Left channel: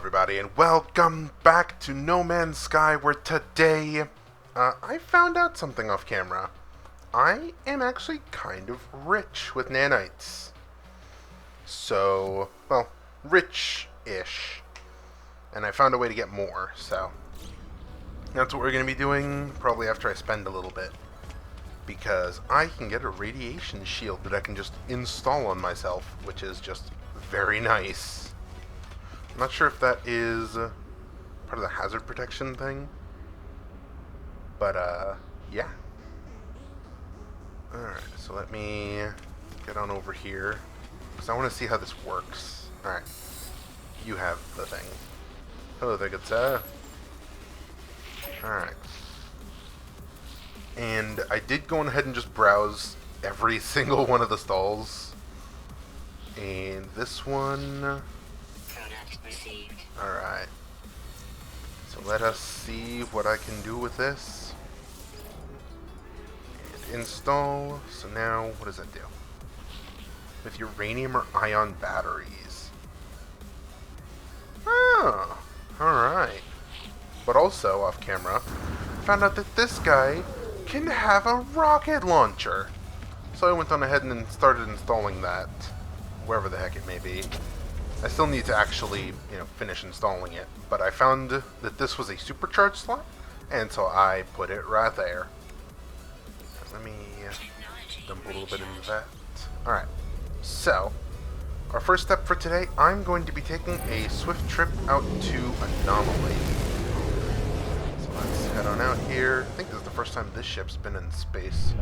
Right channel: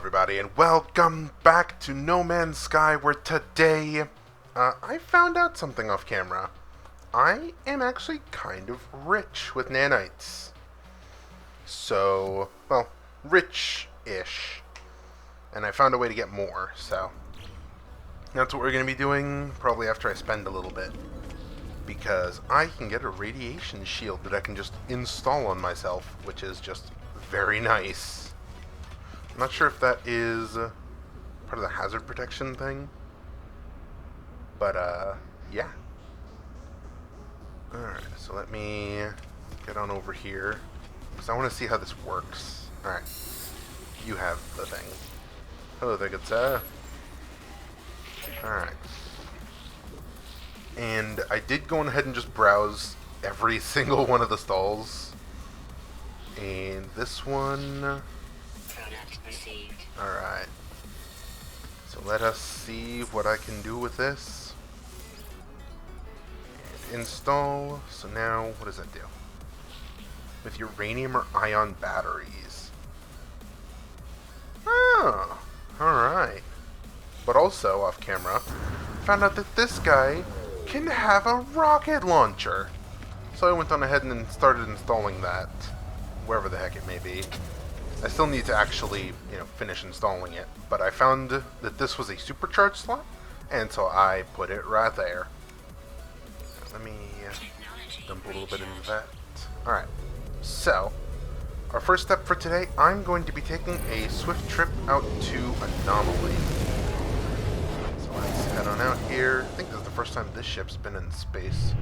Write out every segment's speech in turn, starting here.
everybody, and welcome back to No Man's Sky, where today, I found out something off camera. I am actually kind of rich with nanites. So, well, rich-ish. And I found a way to get more, so that's what we're going to be doing, probably after I spend a little bit. Because I can get a radiation shield that I can just install on myself, which is just very nice. I'm not sure if that is part of the hazard protection thing, but yeah. Alright, so let me get on over here, because I want to see how this works. Alright, you have the thing. Hello there, good sir. Alright. And I did go ahead and just browse every single one of the stalls. And this one... Alright. So let us see what I can do with this. And install. So now, what does that do? With uranium or ion batteries. Oh, alright. But also, off camera, found out that this guy can have a rocket launcher. So I went on ahead and started installing that. Wherever the heck it may be. I still need to actually, finish installing it, but I found that this was a supercharged slot, and so I put it right there. Let me dump a little bit into that. Alright, so, our first step for today, I'm going to be taking a swift trip out to Anomaly. So let's head on out here. I think this is the first time this ship's been in space.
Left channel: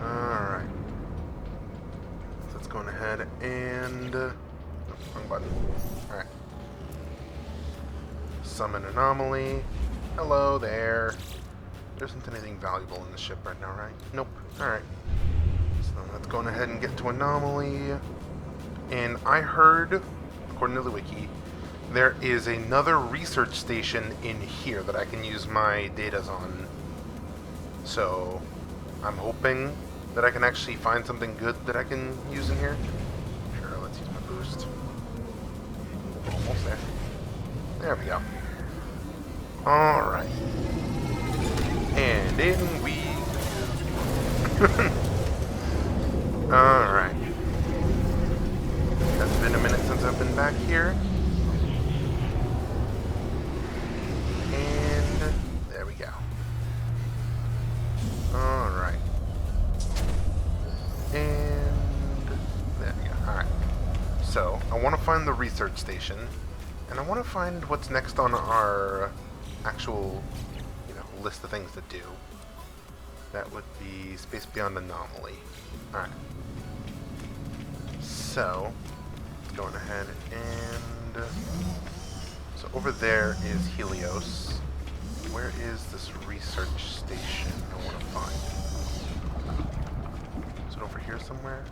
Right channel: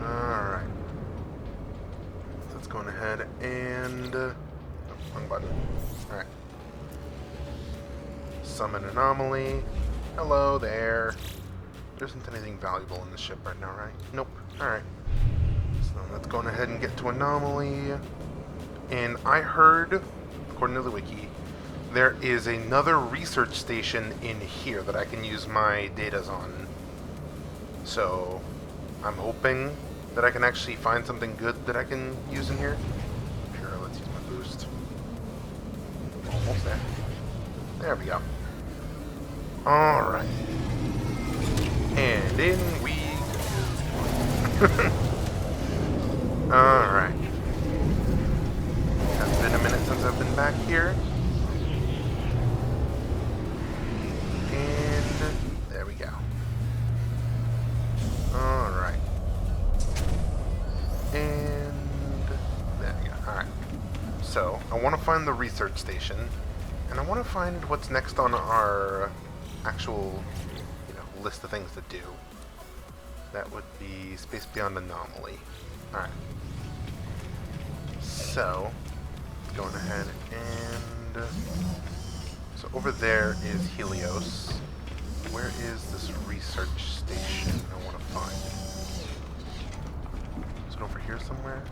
Alright. Let's go ahead and... wrong button. Alright. Summon Anomaly. Hello there. There isn't anything valuable in this ship right now, right? Nope. Alright. So let's go ahead and get to Anomaly. And I heard, according to the wiki, there is another research station in here that I can use my datas on. So, I'm hoping that I can actually find something good that I can use in here. Sure, let's use my boost. Almost there. There we go. Alright. And in we go. Alright. It's been a minute since I've been back here. And there we go. Alright. And there we go. Alright. So, I want to find the research station, and I want to find what's next on our actual, list of things to do. That would be Space Beyond Anomaly. Alright. So, let's go on ahead and... so over there is Helios. Where is this research station I want to find? Over here somewhere?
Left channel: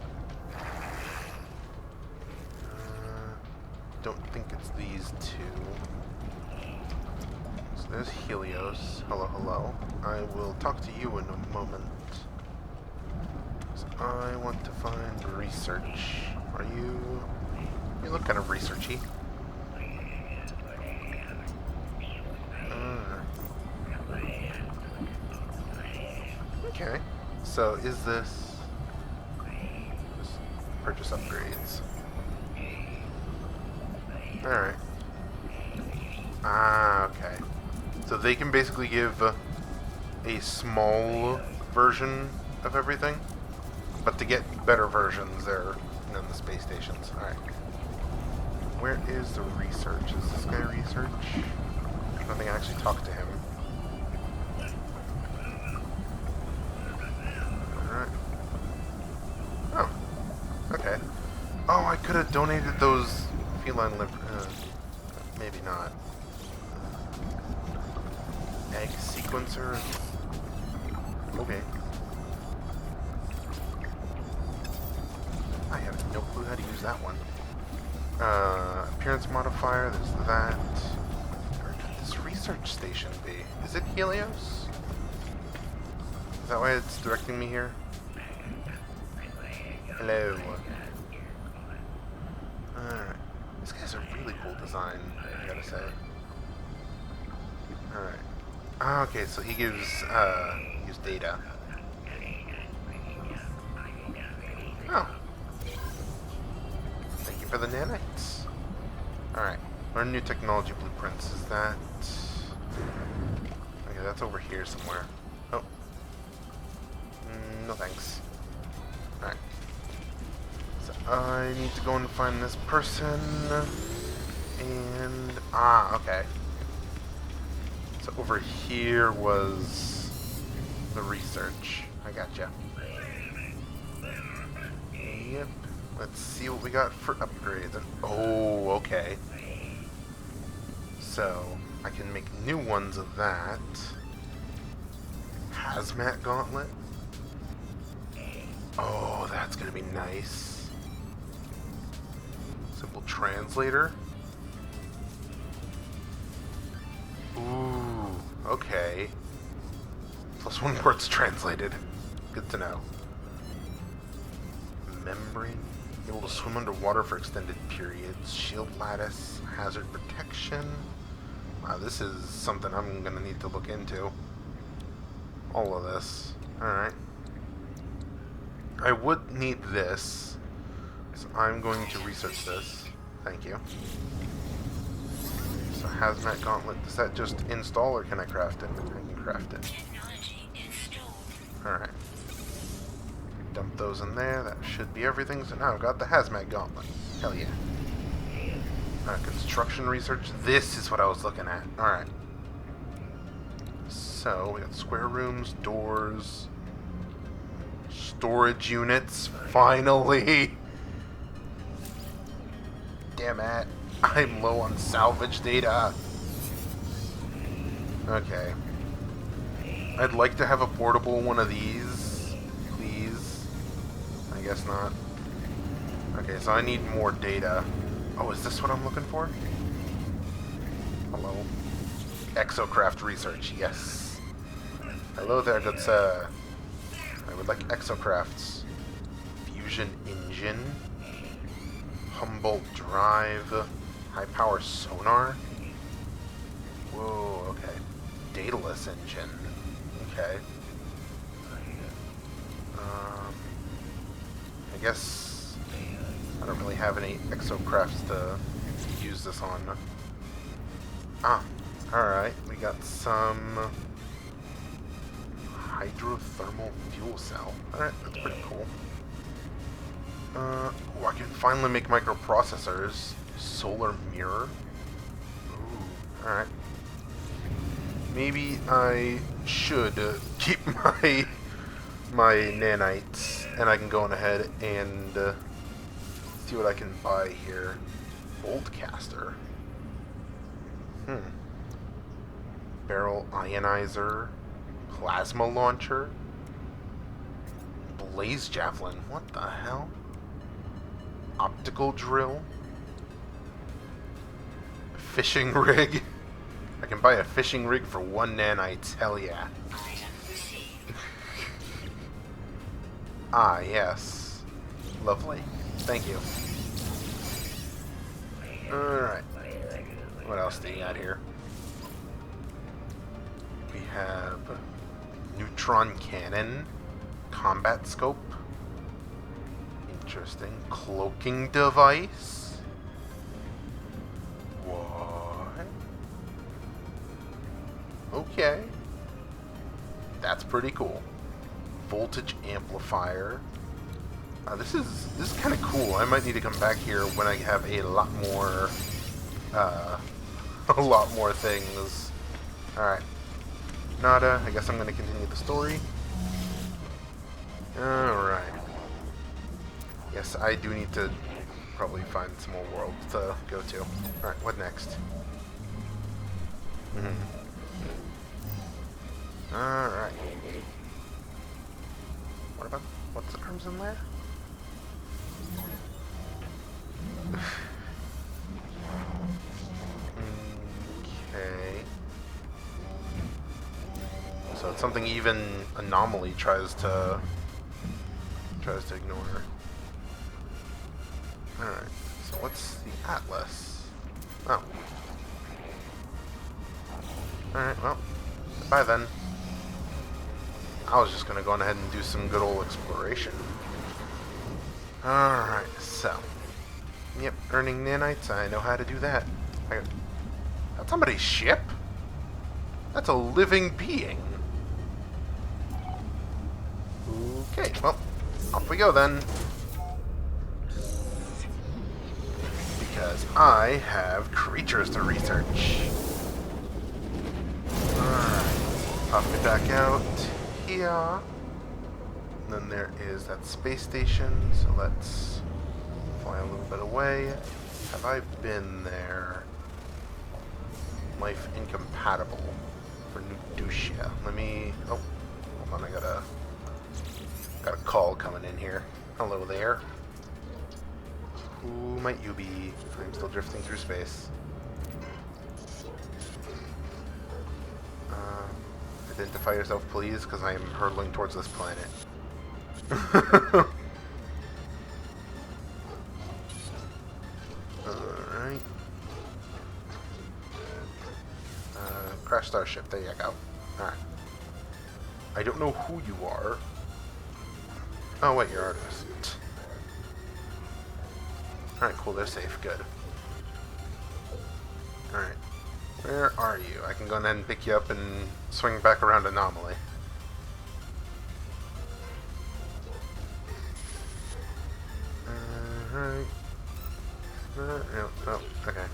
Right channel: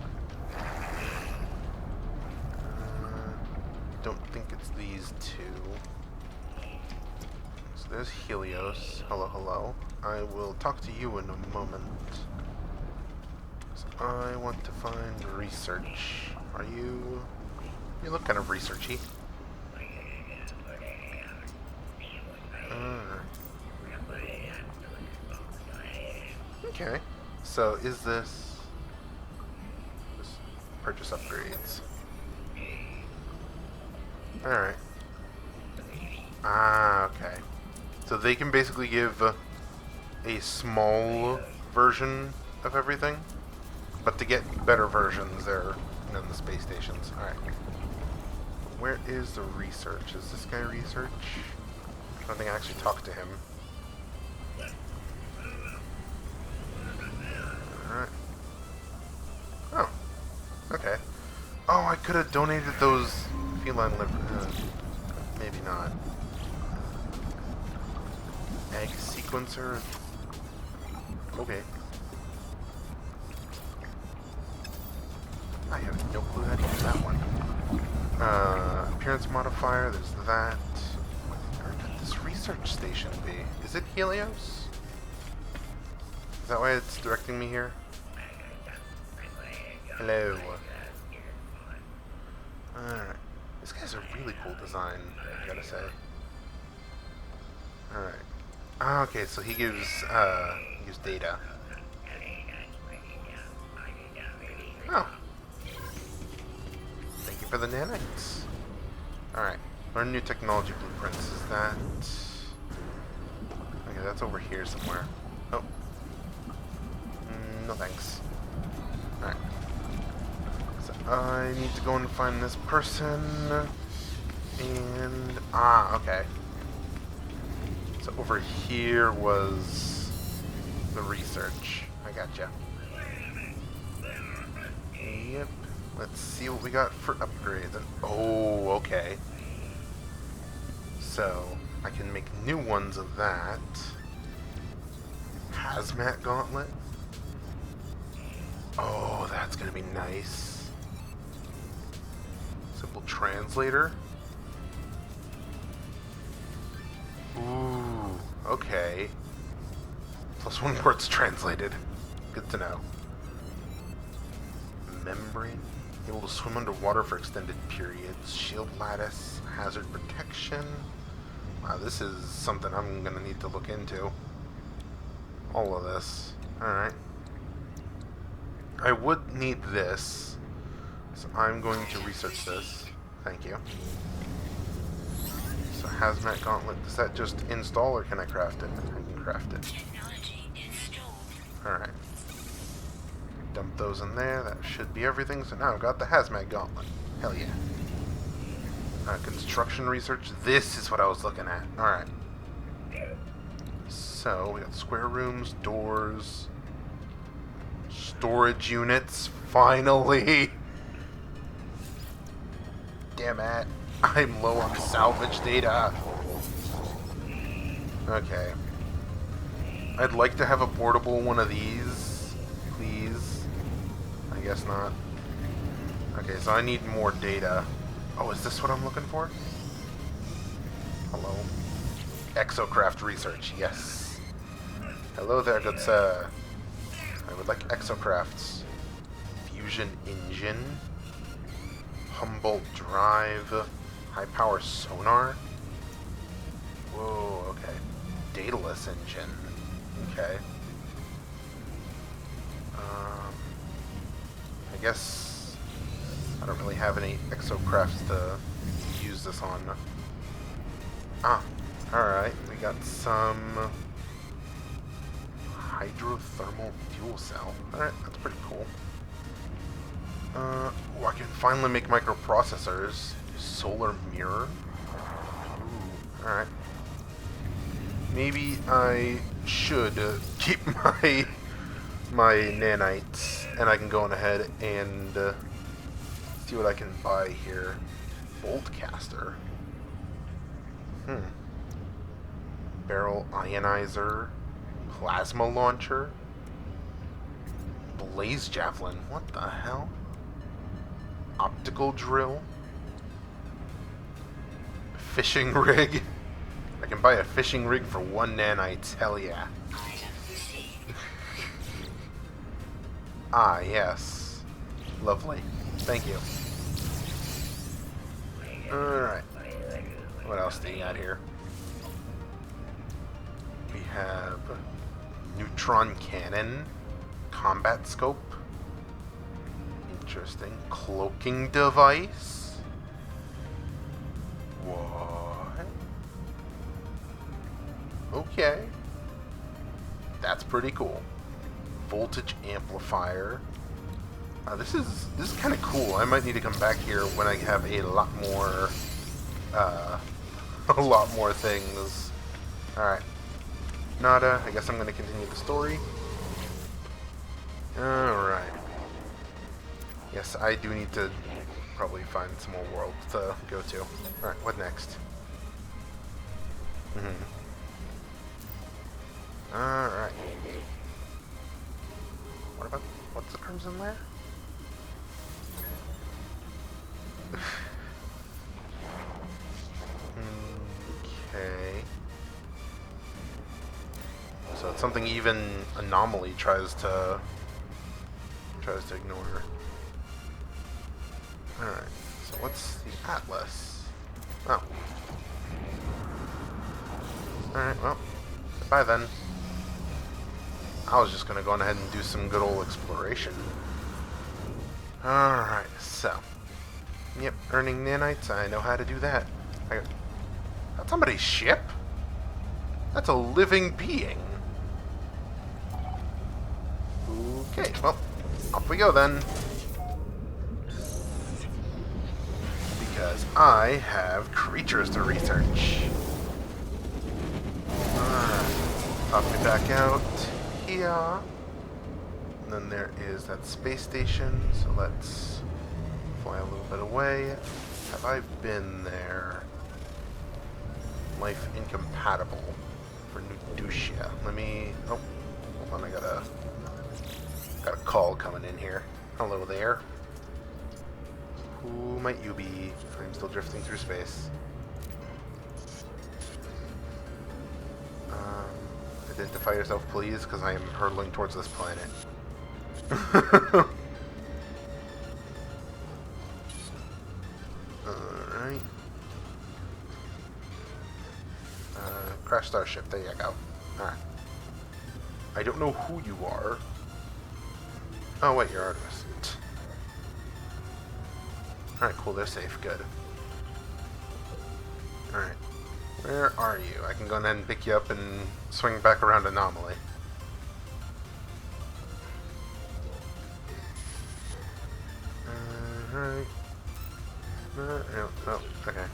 Don't think it's these two. So there's Helios. Hello, hello. I will talk to you in a moment. So I want to find research. Are you... You look kind of researchy. Okay. So is this... Purchase upgrades. Alright. Ah, okay. So they can basically give a small version of everything, but to get better versions, they're in the space stations. Alright. Where is the research? Is this guy research? I don't think I actually talked to him. Alright. Oh. Okay. Oh, I could have donated those feline liver... maybe not. Egg sequencer? Okay. I have no clue how to use that one. Appearance modifier, there's that. Where could this research station be? Is it Helios? Is that why it's directing me here? Hello. Alright. This guy's a really cool design, I gotta say. Alright. Okay, so he gives data. Oh. Thank you for the nanites. Alright. Learn new technology blueprints. Is that... Okay, that's over here somewhere. Oh. No thanks. Alright. So I need to go and find this person. And... okay. So over here was the research. I gotcha. Yep. Let's see what we got for upgrades. Oh, okay. So, I can make new ones of that. Hazmat gauntlet. Oh, that's gonna be nice. Simple translator. Ooh, okay. +1 words translated. Good to know. Membrane. Able to swim underwater for extended periods. Shield lattice. Hazard protection. Wow, this is something I'm gonna need to look into. All of this. Alright. I would need this. So I'm going to research this. Thank you. So hazmat gauntlet, does that just install or can I craft it? I can craft it. Alright. Dump those in there, that should be everything. So now I've got the hazmat gauntlet. Hell yeah. Construction research, this is what I was looking at. Alright. So, we got square rooms, doors, storage units, finally! Damn it. I'm low on salvage data. Okay. I'd like to have a portable one of these, please. I guess not. Okay, so I need more data. Oh, is this what I'm looking for? Hello? Exocraft research, yes. Hello there, good sir. I would like exocrafts. Fusion engine. Humboldt drive. High power sonar. Whoa, okay. Daedalus engine. Okay. I guess I don't really have any exocrafts to use this on. Alright. We got some hydrothermal fuel cell. Alright, that's pretty cool. I can finally make microprocessors. Solar mirror. Ooh, alright. Maybe I should keep my nanites, and I can go on ahead and see what I can buy here. Bolt caster. Barrel ionizer. Plasma launcher. Blaze javelin. What the hell? Optical drill. Fishing rig. I can buy a fishing rig for 1 nanites. Hell yeah. Yes. Lovely. Thank you. Alright. What else do you got here? We have neutron cannon. Combat scope. Interesting. Cloaking device. What? Okay. That's pretty cool. Voltage amplifier. This is kind of cool. I might need to come back here when I have a lot more things. Alright. Nada. I guess I'm going to continue the story. Alright. Yes, I do need to probably find some more worlds to go to. Alright, what next? Alright. What about... what's the terms in there? Okay. So it's something even Anomaly tries to ignore. Alright, so what's the Atlas? Oh. Alright, well, goodbye then. I was just gonna go on ahead and do some good old exploration. Alright, so. Yep, earning nanites, I know how to do that. That's somebody's ship? That's a living being. Okay, well, off we go then. Because I have creatures to research. Alright, pop me back out here. And then there is that space station, so let's fly a little bit away. Have I been there? Life incompatible for Nuducia. Let me... Oh, hold on, I got a call coming in here. Hello there. Who might you be? I'm still drifting through space. Identify yourself, please, because I am hurtling towards this planet. Alright. Crash Starship, there you go. Alright. I don't know who you are. Oh wait, you're Artemis. Alright, cool, they're safe, good. Alright. Where are you? I can go ahead and pick you up and swing back around Anomaly. Alright. No, oh, okay.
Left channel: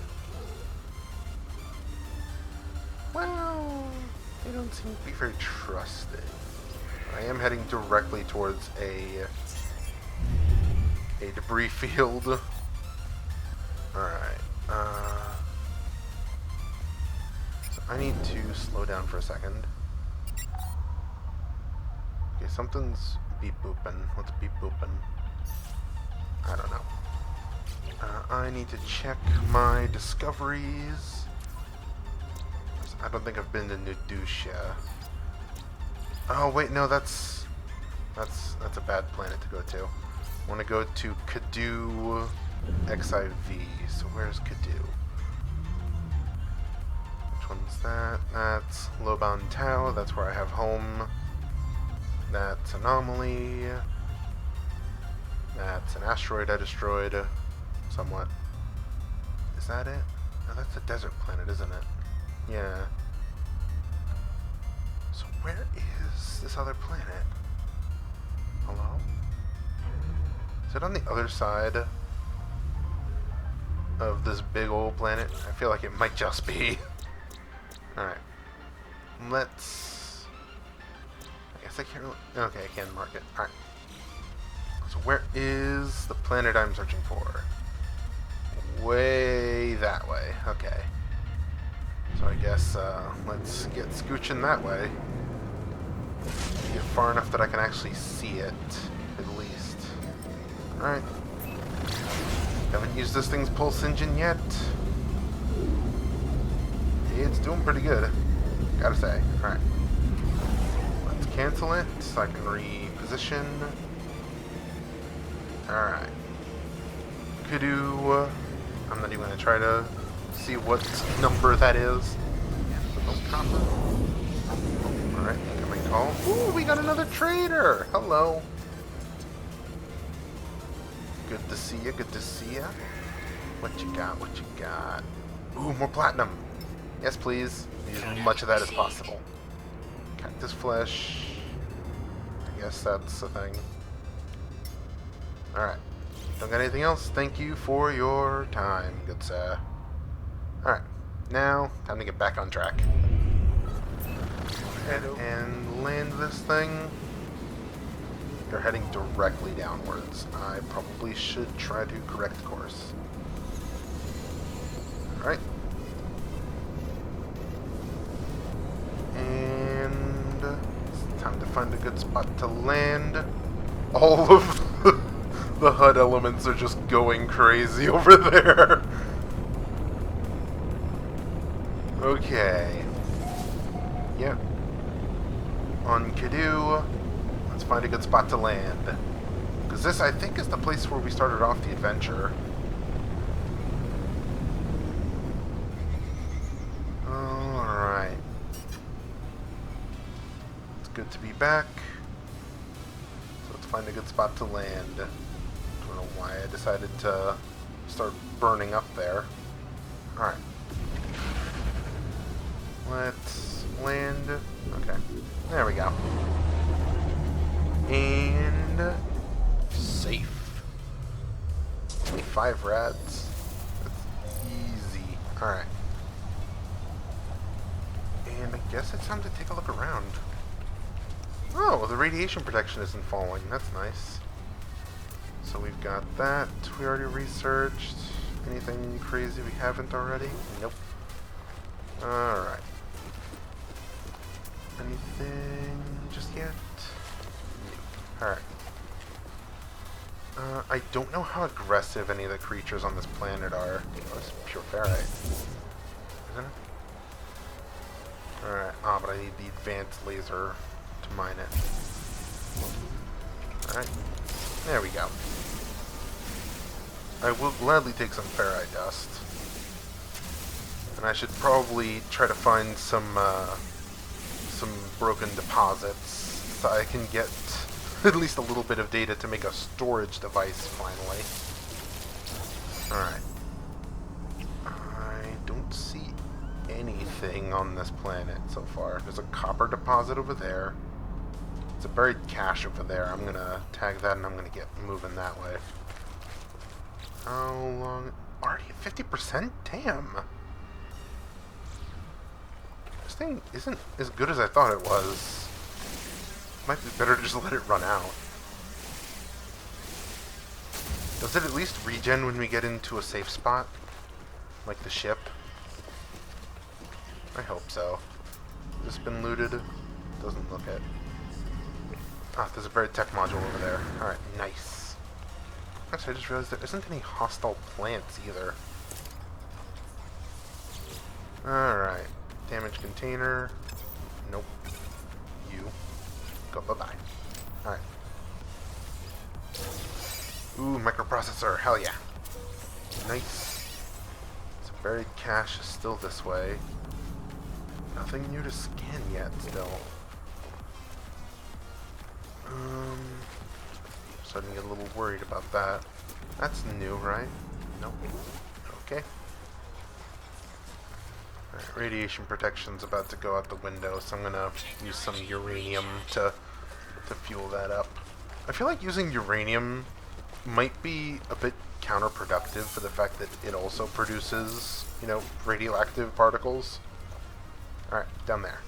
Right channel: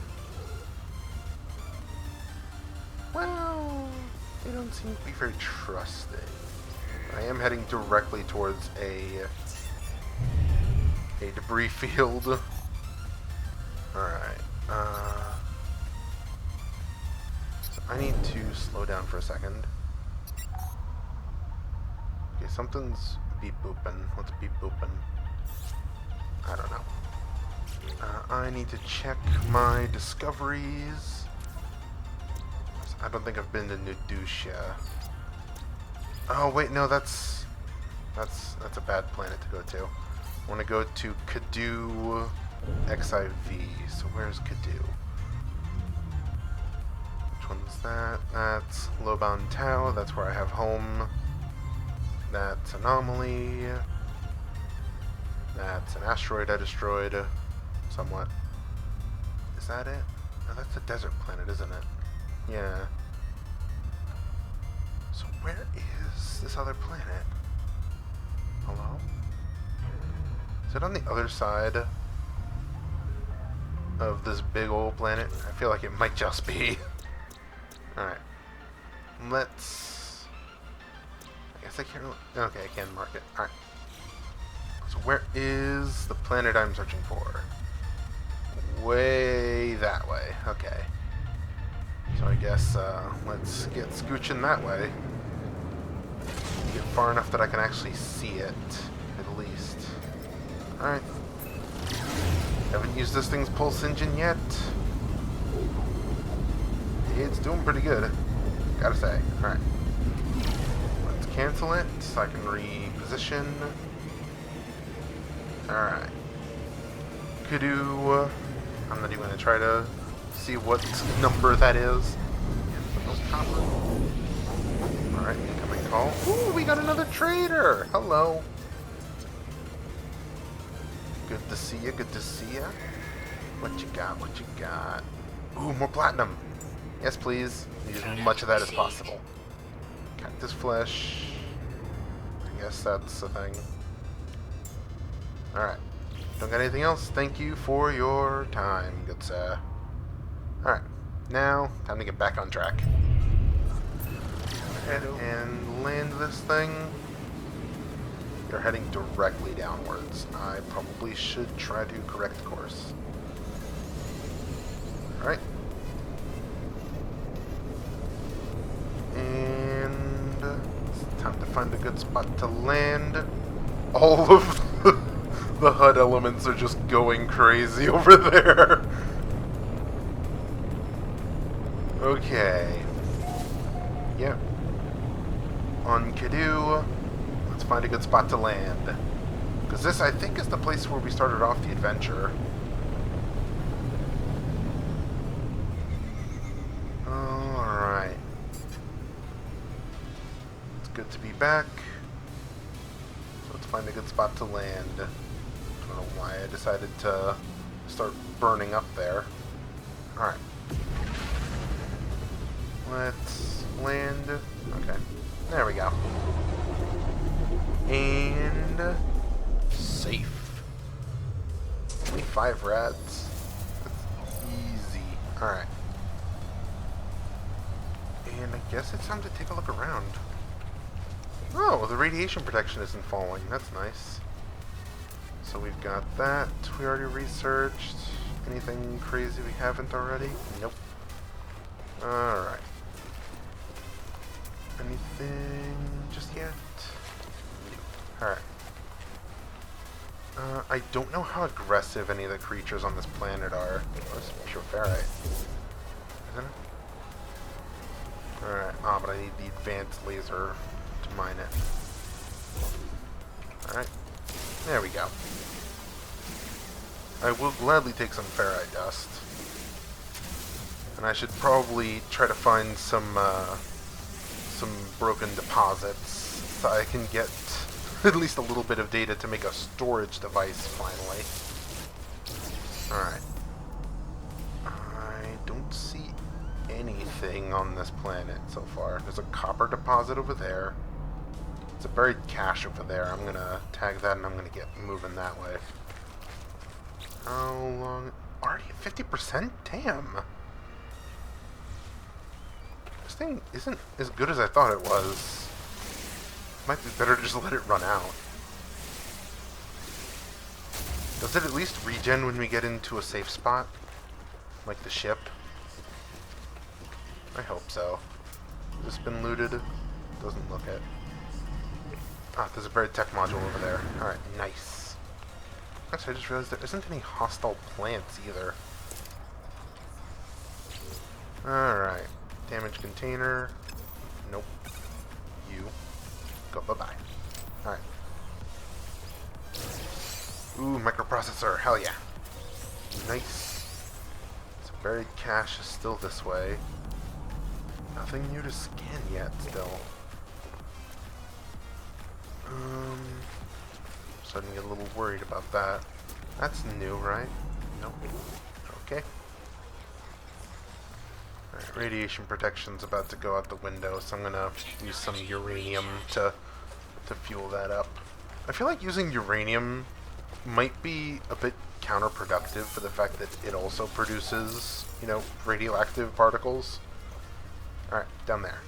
Well, they don't seem to be very trusting. I am heading directly towards a debris field. Alright, so I need to slow down for a second. Okay, something's beep booping. What's beep booping? I don't know. I need to check my discoveries. I don't think I've been to Nuducia. Oh wait, no, that's a bad planet to go to. I want to go to Kadu XIV. So where's Kadu? Which one's that? That's Loban Tau. That's where I have home. That's Anomaly. That's an asteroid I destroyed. Somewhat. Is that it? Oh, that's a desert planet, isn't it? Yeah. So where is this other planet? Hello? Is it on the other side of this big old planet? I feel like it might just be. Alright. Let's... I guess I can't really... Okay, I can mark it. Alright. So where is the planet I'm searching for? Way that way. Okay. So I guess let's get scooching that way. Get far enough that I can actually see it, at least. Alright. Haven't used this thing's pulse engine yet. It's doing pretty good, gotta say. Alright. Let's cancel it so I can reposition. Alright. Kadu. I'm not even going to try to see what number that is. With those copper. Alright, incoming call. Ooh, we got another trader! Hello. Good to see you, good to see ya. What you got, what you got? Ooh, more platinum. Yes, please. Need as much of that as possible. Cactus flesh. I guess that's the thing. Alright. Don't got anything else? Thank you for your time, good sir. Alright. Now, time to get back on track. Go ahead and land this thing. You're heading directly downwards. I probably should try to correct course. Alright. And it's time to find a good spot to land. All of the HUD elements are just going crazy over there. Okay. Yep. On Kadu. Let's find a good spot to land. Because this, I think, is the place where we started off the adventure. good to be back. So let's find a good spot to land. I don't know why I decided to start burning up there. Alright. Let's land. Okay. There we go. And safe. Only 5 rats. That's easy. Alright. And I guess it's time to take a look around. Oh, the radiation protection isn't falling. That's nice. So we've got that. We already researched. Anything crazy we haven't already? Nope. Alright. Anything just yet? Nope. Alright. I don't know how aggressive any of the creatures on this planet are. Oh, this is pure ferrite. Isn't it? Alright. Ah, but I need the advanced laser to mine it. Alright. There we go. I will gladly take some ferrite dust. And I should probably try to find some broken deposits so I can get at least a little bit of data to make a storage device finally. Alright. I don't see anything on this planet so far. There's a copper deposit over there. It's a buried cache over there. I'm gonna tag that and I'm gonna get moving that way. How long? Already at 50%? Damn! This thing isn't as good as I thought it was. Might be better to just let it run out. Does it at least regen when we get into a safe spot? Like the ship? I hope so. Has this been looted? Doesn't look it. Ah, there's a buried tech module over there. Alright, nice. Actually, I just realized there isn't any hostile plants either. Alright. Damage container. Nope. You. Go bye-bye. Alright. Ooh, microprocessor. Hell yeah. Nice. So buried cache is still this way. Nothing new to scan yet, still. Starting to get a little worried about that. That's new, right? Nope. Okay. Alright, radiation protection's about to go out the window, so I'm gonna use some uranium to fuel that up. I feel like using uranium might be a bit counterproductive for the fact that it also produces, you know, radioactive particles. Alright, down there.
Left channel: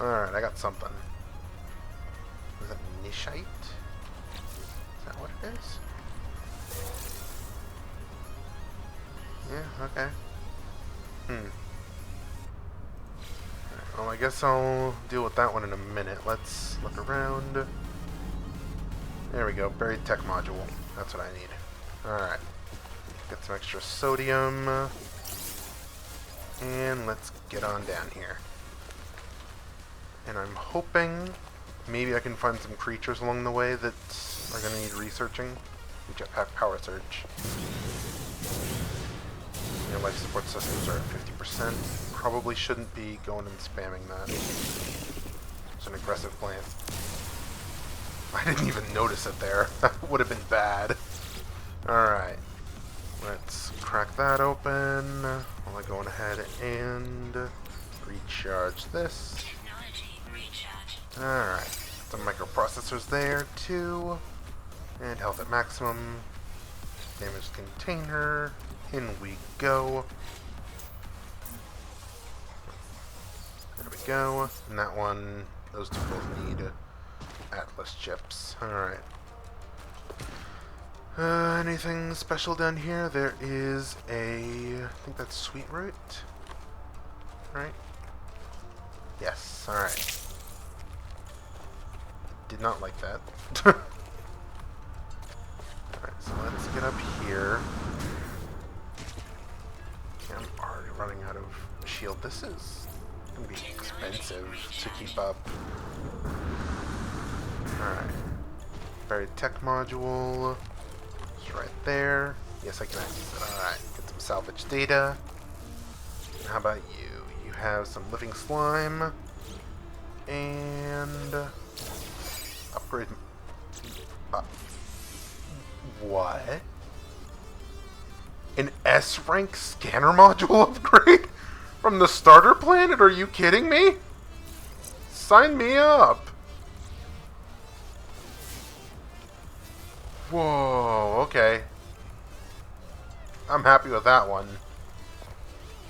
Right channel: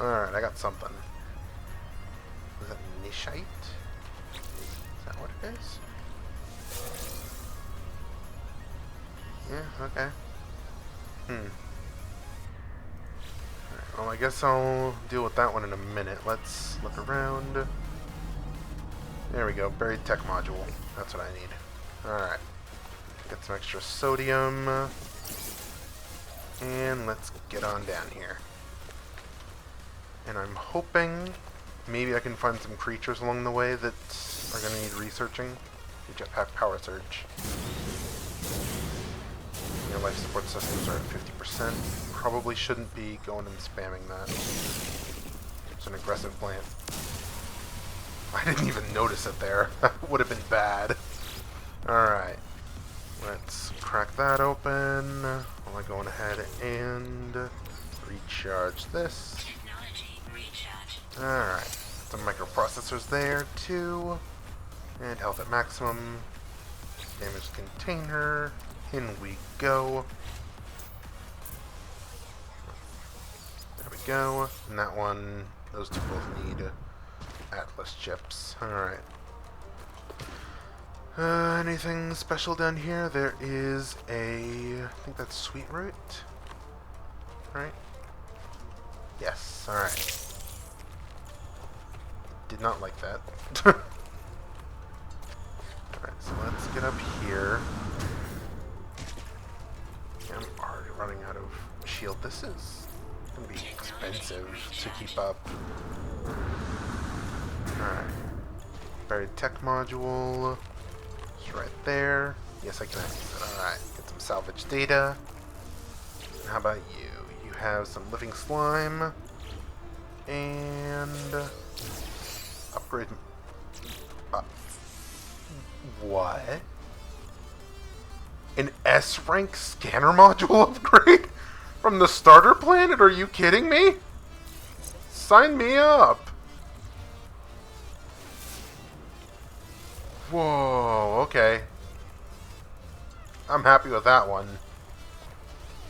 Alright, I got something. Is that Nishite? Is that what it is? Yeah, okay. Alright, well, I guess I'll deal with that one in a minute. Let's look around. There we go, buried tech module. That's what I need. Alright. Get some extra sodium. And let's get on down here. And I'm hoping maybe I can find some creatures along the way that are going to need researching. The jetpack power surge. Your life support systems are at 50%. Probably shouldn't be going and spamming that. It's an aggressive plant. I didn't even notice it there. That would have been bad. Alright. Let's crack that open while I go on ahead and recharge this. Alright. Some microprocessors there too. And health at maximum. Damaged container. In we go. There we go. And that one, those two both need Atlas chips. Alright. Anything special down here? There is a... I think that's sweet root. Right? Yes, alright. Did not like that. Alright, so let's get up here. Yeah, I'm already running out of shield. This is going to be expensive to keep up. Alright. Buried tech module. It's right there. Yes, I can access it. Alright, get some salvage data. And how about you? You have some living slime. And upgrade. Uh, what? An S-rank scanner module upgrade? From the starter planet? Are you kidding me? Sign me up! Whoa, okay. I'm happy with that one.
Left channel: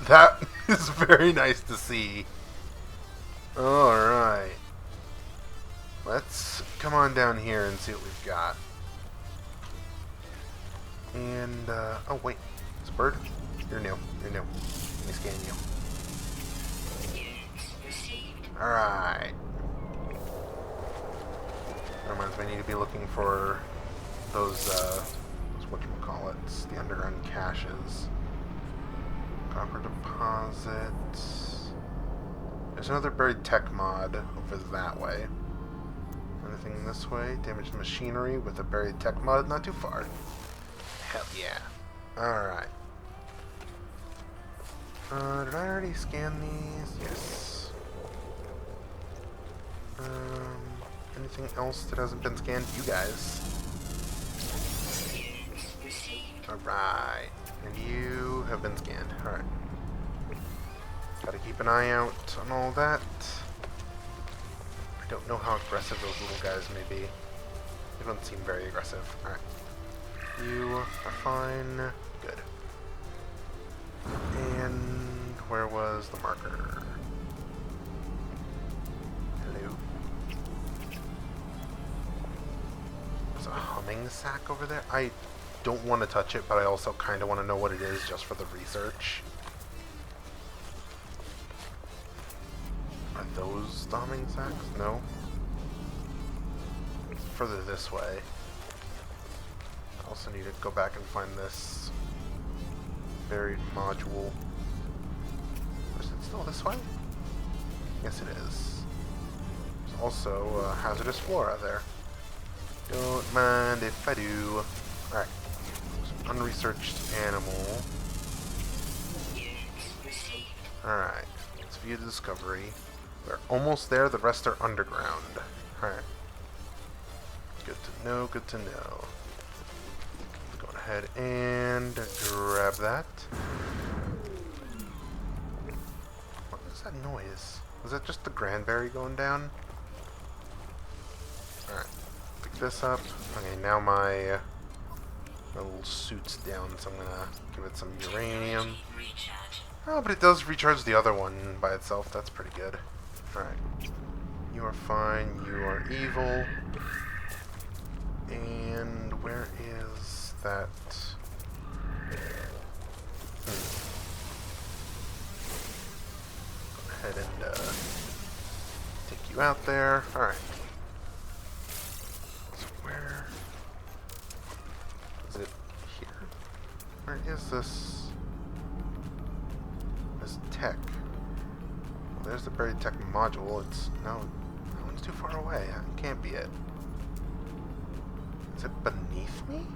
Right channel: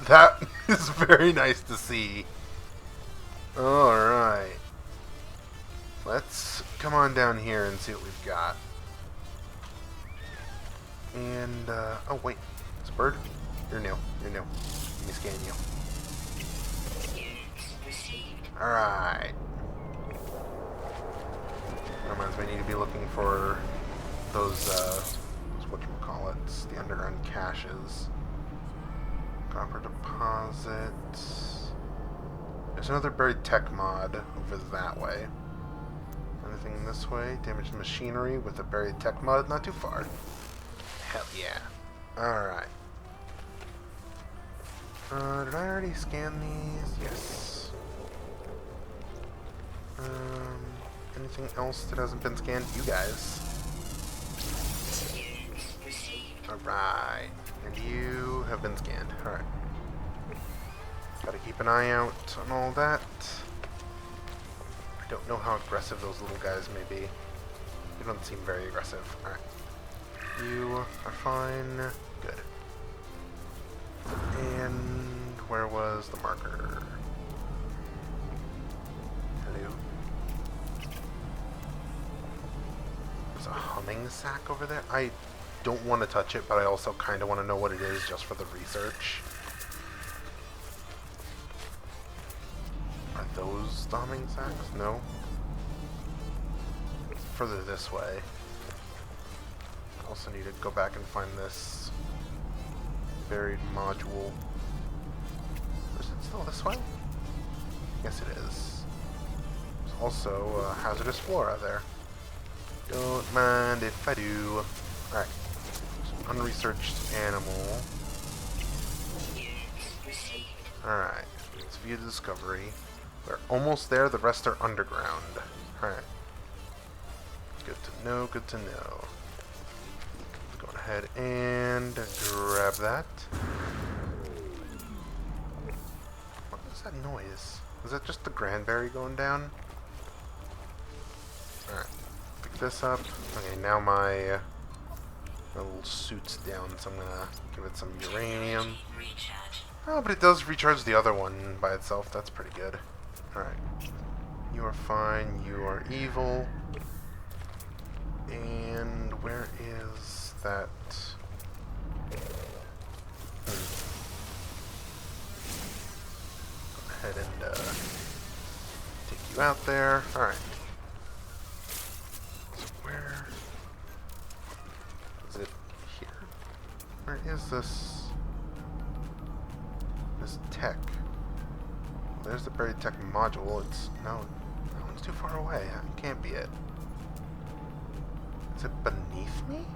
That is very nice to see. Alright. Let's come on down here and see what we've got. And, oh wait. It's a bird? You're new. You're new. Let me scan you. Alright. Reminds me I need to be looking for those whatchamacallits, the underground caches. Copper deposit. There's another buried tech mod over that way. Anything this way? Damaged machinery with a buried tech mod, not too far. Hell yeah. Alright. Did I already scan these? Yes. Anything else that hasn't been scanned? You guys. Alright. And you have been scanned. Alright. Gotta keep an eye out on all that. I don't know how aggressive those little guys may be. They don't seem very aggressive. Alright. You are fine. Good. And where was the marker? Hello? There's a humming sack over there? I don't want to touch it, but I also kind of want to know what it is just for the research. Are those the humming sacks? No? It's further this way. I also need to go back and find this buried module. Is it still this way? Yes, it is. There's also hazardous flora there. Don't mind if I do. Alright. Unresearched animal. Alright. Let's view the discovery. We're almost there. The rest are underground. Alright. Good to know, good to know. Go ahead and grab that. What is that noise? Is that just the Granberry going down? Alright. Pick this up. Okay, now my little suit's down, so I'm gonna give it some uranium. Oh, but it does recharge the other one by itself. That's pretty good. Alright. You are fine. You are evil. And where is that? Go ahead and take you out there. Alright. So where is it? Here? Where is this? This tech. Well, there's the buried tech module. It's no, that one's too far away. That can't be it. Is it beneath me?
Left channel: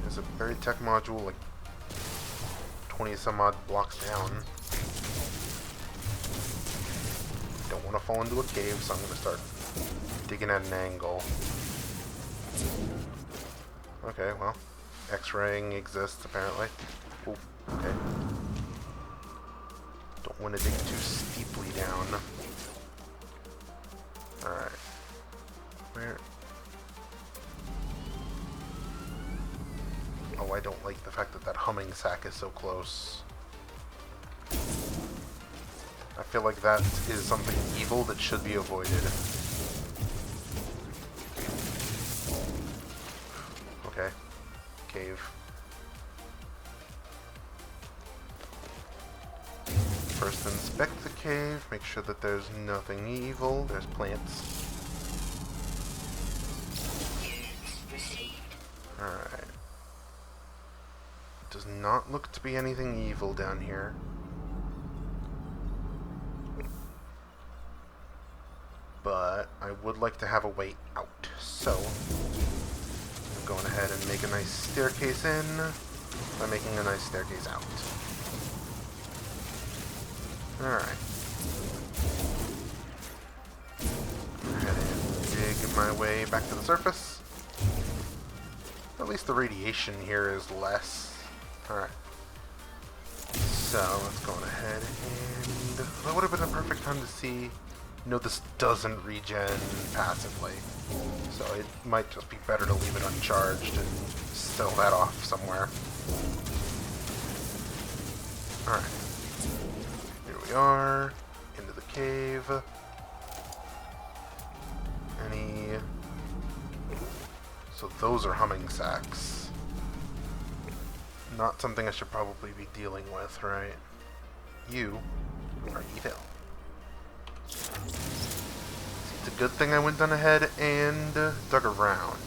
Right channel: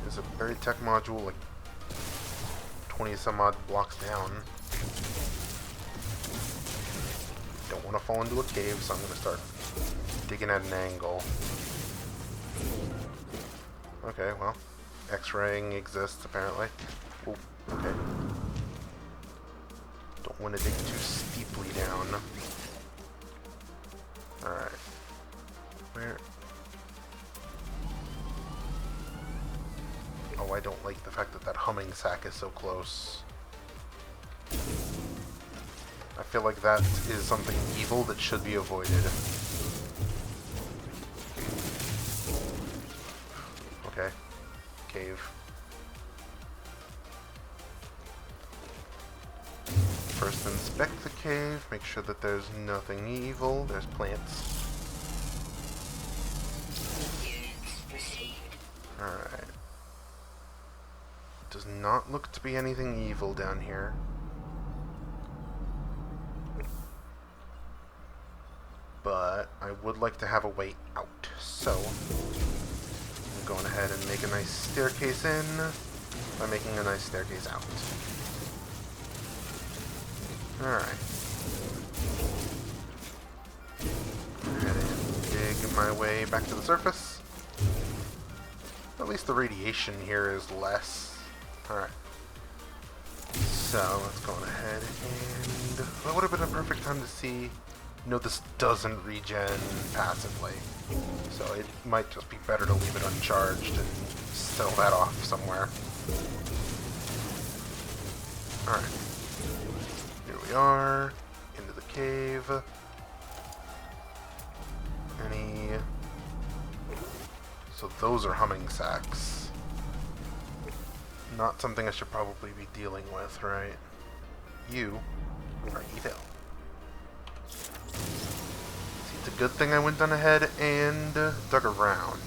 There's a buried tech module like 20 some odd blocks down. Don't want to fall into a cave, so I'm going to start digging at an angle. Okay, well, X-raying exists apparently. Ooh, okay. Don't want to dig too steeply down. Alright. Where? Oh, I don't like the fact that that humming sack is so close. I feel like that is something evil that should be avoided. Okay. Cave. First inspect the cave, make sure that there's nothing evil. There's plants. Alright. Does not look to be anything evil down here. But I would like to have a way out. So, I'm going ahead and make a nice staircase in by making a nice staircase out. Alright. Get my way back to the surface. At least the radiation here is less. Alright. So, let's go on ahead and... That would have been a perfect time to see... No, this doesn't regen passively. So it might just be better to leave it uncharged and sell that off somewhere. Alright. Here we are. Into the cave. So those are humming sacks. Not something I should probably be dealing with, right? You are evil. See, it's a good thing I went on ahead and dug around.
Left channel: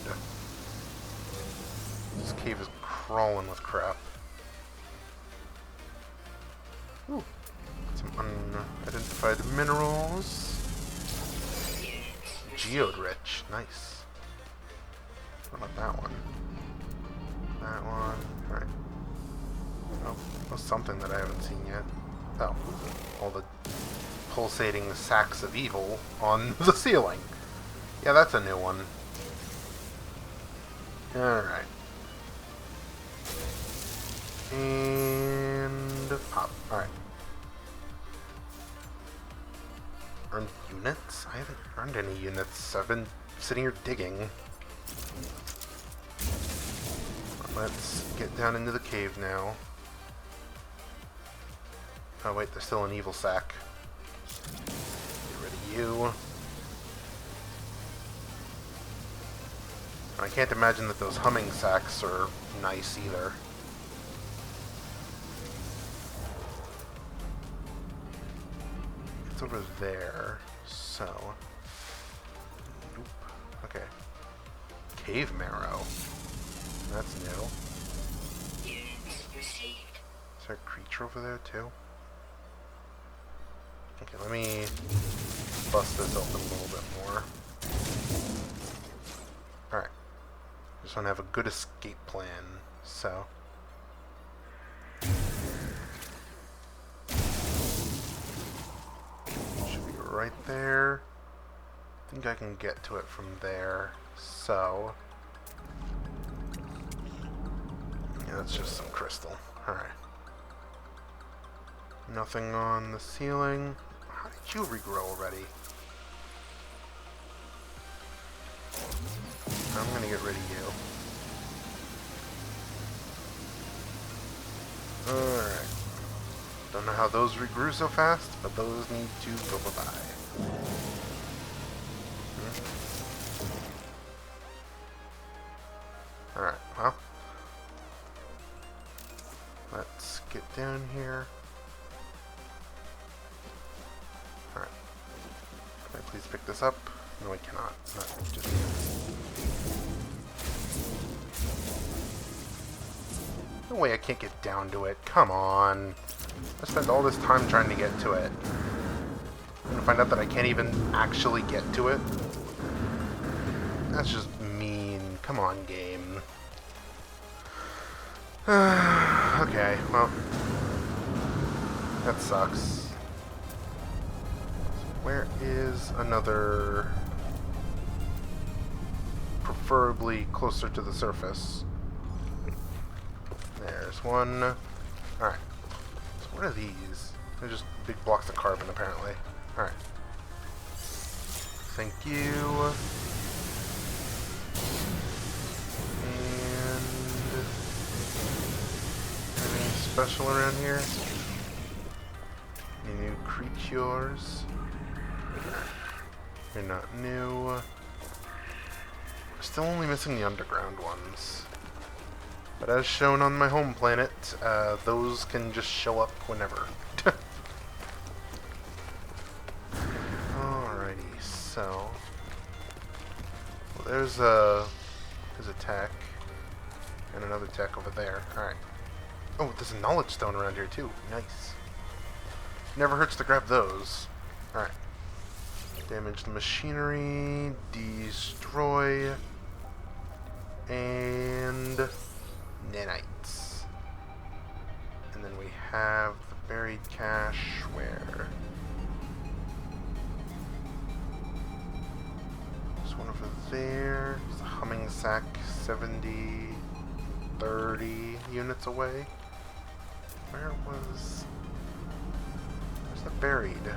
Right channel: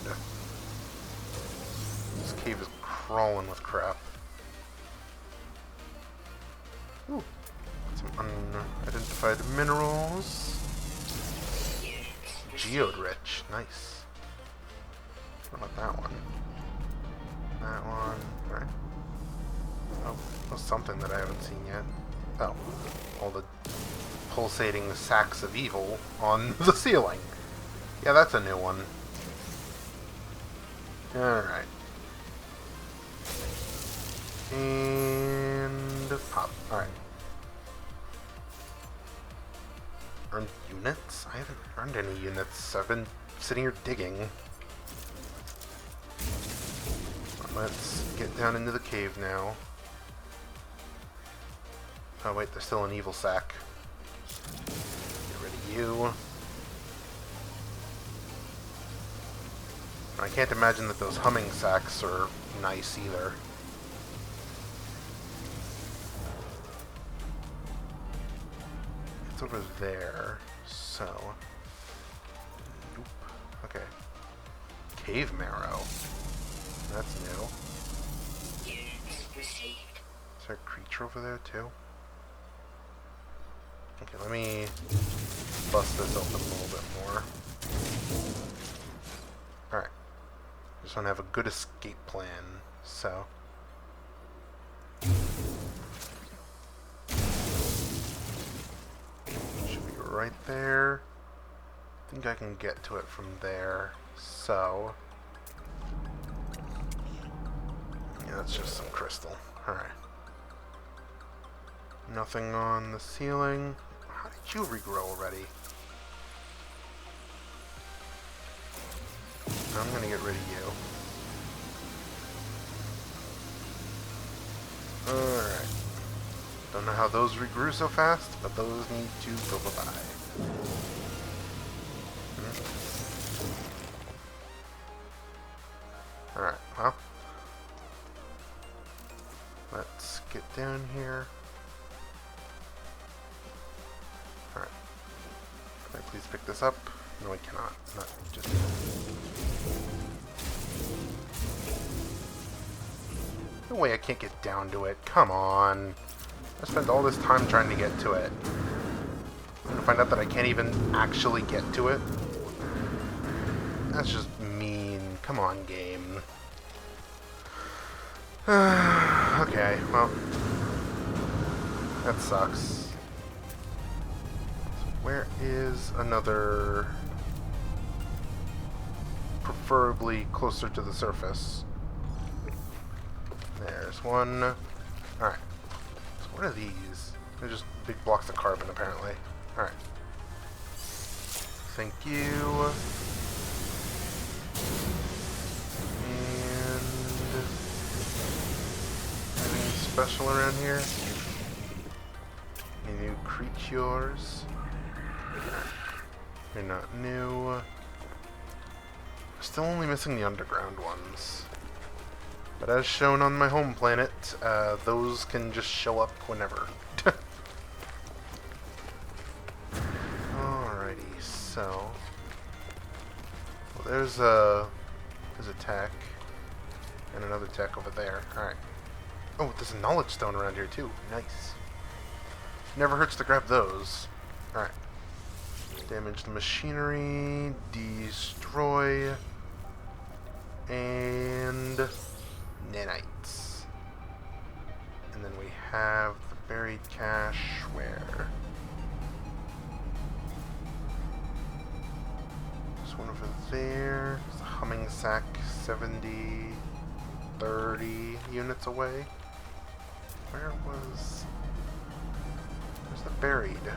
This cave is crawling with crap. Ooh, some unidentified minerals. Geode rich, nice. What about that one? That one, right. Oh, there's something that I haven't seen yet. Oh, all the pulsating sacks of evil on the ceiling. Yeah, that's a new one. Alright. And pop. Alright. Earned units? I haven't earned any units. I've been sitting here digging. Let's get down into the cave now. Oh wait, there's still an evil sack. Get rid of you. I can't imagine that those humming sacks are nice either. It's over there, so... Nope. Okay. Cave marrow. That's new. Is there a creature over there too? Okay, let me bust this open a little bit more. Alright. Just want to have a good escape plan, so... Should be right there. I think I can get to it from there, so... Yeah, that's just some crystal. Alright. Nothing on the ceiling. How did you regrow already? I'm gonna get rid of you. Alright. Don't know how those regrew so fast, but those need to go bye-bye. Alright, well. Let's get down here. Alright. Can I please pick this up? No, I cannot. Not just yet. No way I can't get down to it. Come on. I spent all this time trying to get to it. I'm gonna find out that I can't even actually get to it. That's just mean. Come on, game. Okay, well, that sucks. So where is another, preferably closer to the surface? There's one. Alright, so what are these? They're just big blocks of carbon, apparently. Alright. Thank you. Special around here? Any new creatures? You're not new. We're still only missing the underground ones. But as shown on my home planet, those can just show up whenever. Alrighty, so... Well, there's a tech. And another tech over there. Alright. Oh, there's a knowledge stone around here too. Nice. Never hurts to grab those. Alright. Damage the machinery. Destroy. And... nanites. And then we have the buried cache where... There's one over there. There's a humming sack 70, 30 units away. Where's the buried?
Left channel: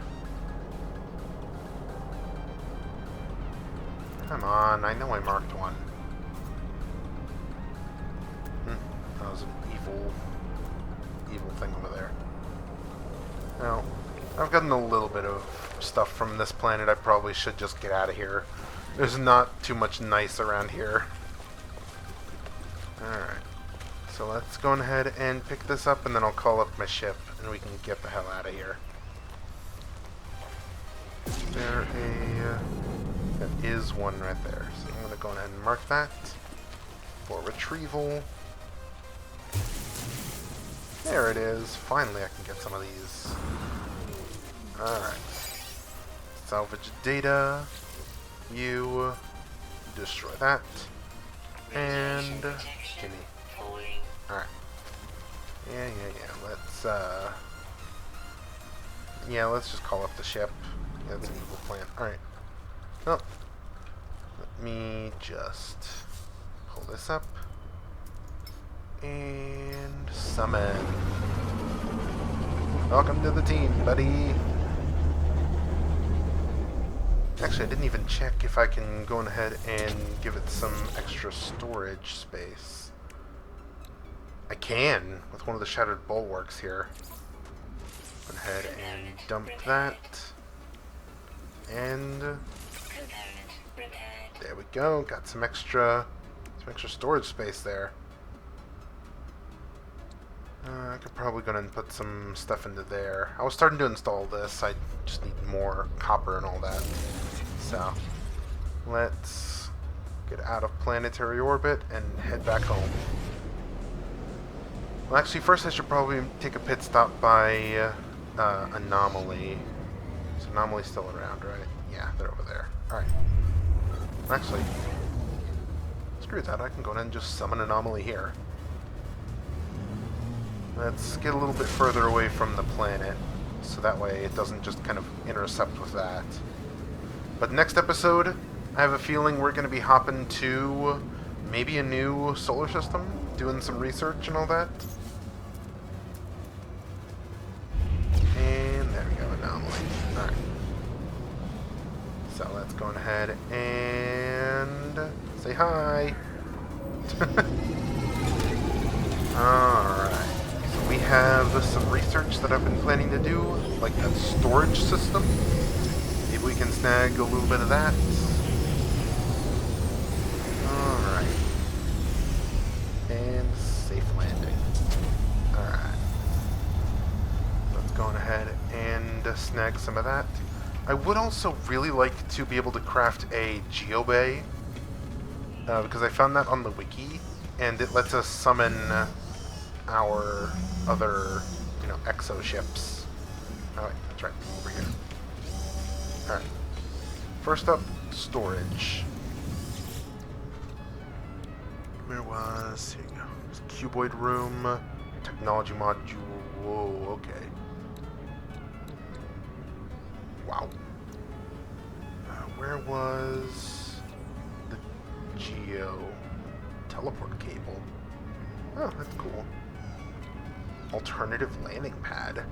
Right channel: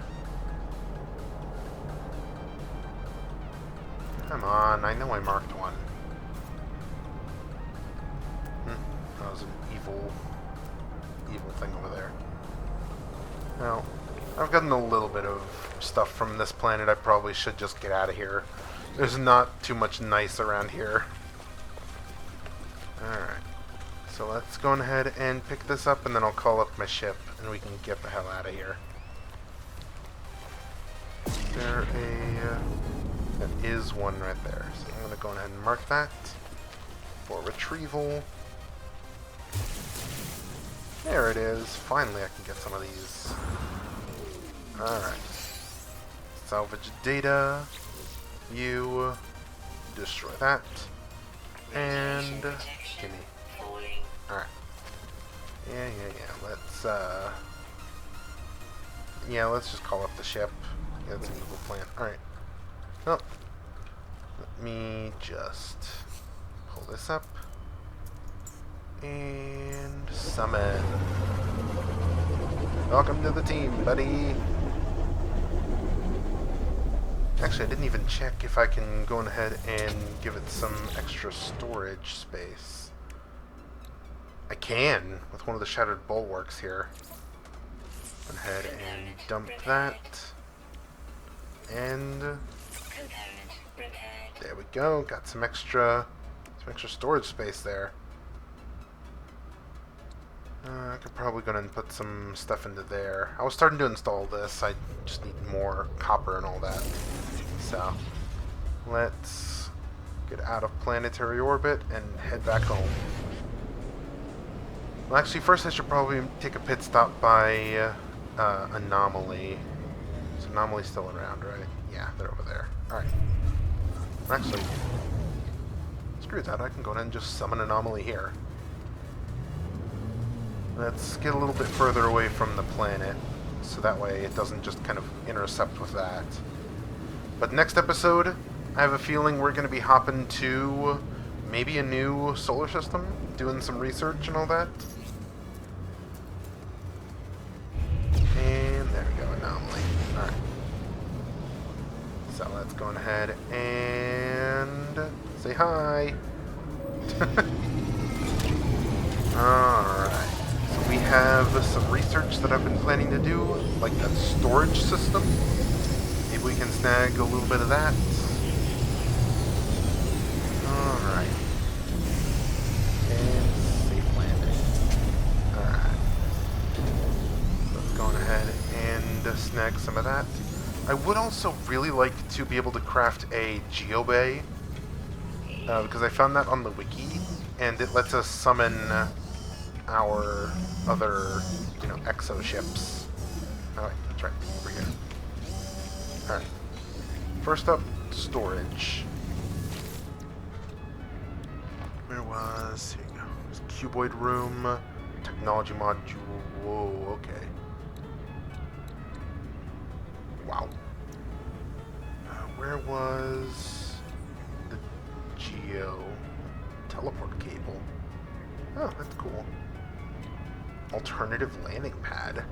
Come on, I know I marked one. That was an evil thing over there. Now, I've gotten a little bit of stuff from this planet. I probably should just get out of here. There's not too much nice around here. Alright. So let's go ahead and pick this up, and then I'll call up my ship, and we can get the hell out of here. There is one right there. So I'm going to go ahead and mark that for retrieval. There it is. Finally I can get some of these. Alright. Salvage data. You destroy that. And gimme. Alright. Yeah. Let's just call up the ship. Yeah, that's an evil plan. Alright. Oh. Let me just pull this up. And summon. Welcome to the team, buddy. Actually, I didn't even check if I can go ahead and give it some extra storage space. I can, with one of the shattered bulwarks here. Go ahead and dump that. And there we go. Got some extra storage space there. I could probably go and put some stuff into there. I was starting to install this. I just need more copper and all that. So, let's get out of planetary orbit and head back home. Well, actually, first I should probably take a pit stop by Anomaly. Is Anomaly still around, right? Yeah, they're over there. Alright. Actually, screw that. I can go ahead and just summon Anomaly here. Let's get a little bit further away from the planet, so that way it doesn't just kind of intercept with that. But next episode, I have a feeling we're going to be hopping to maybe a new solar system, doing some research and all that. And there we go, Anomaly. Alright. So let's go ahead and say hi. Alright. So we have some research that I've been planning to do, like that storage system. Maybe we can snag a little bit of that. Alright. And safe landing. Alright. Let's go on ahead and snag some of that. I would also really like to be able to craft a geobay, because I found that on the wiki, and it lets us summon our other, exo ships. Oh, wait, that's right, over here. Alright. First up, storage. Here you go. There's a cuboid room, technology module. Whoa, okay. Wow. Where was the geo teleport cable? Oh, that's cool. Alternative landing pad.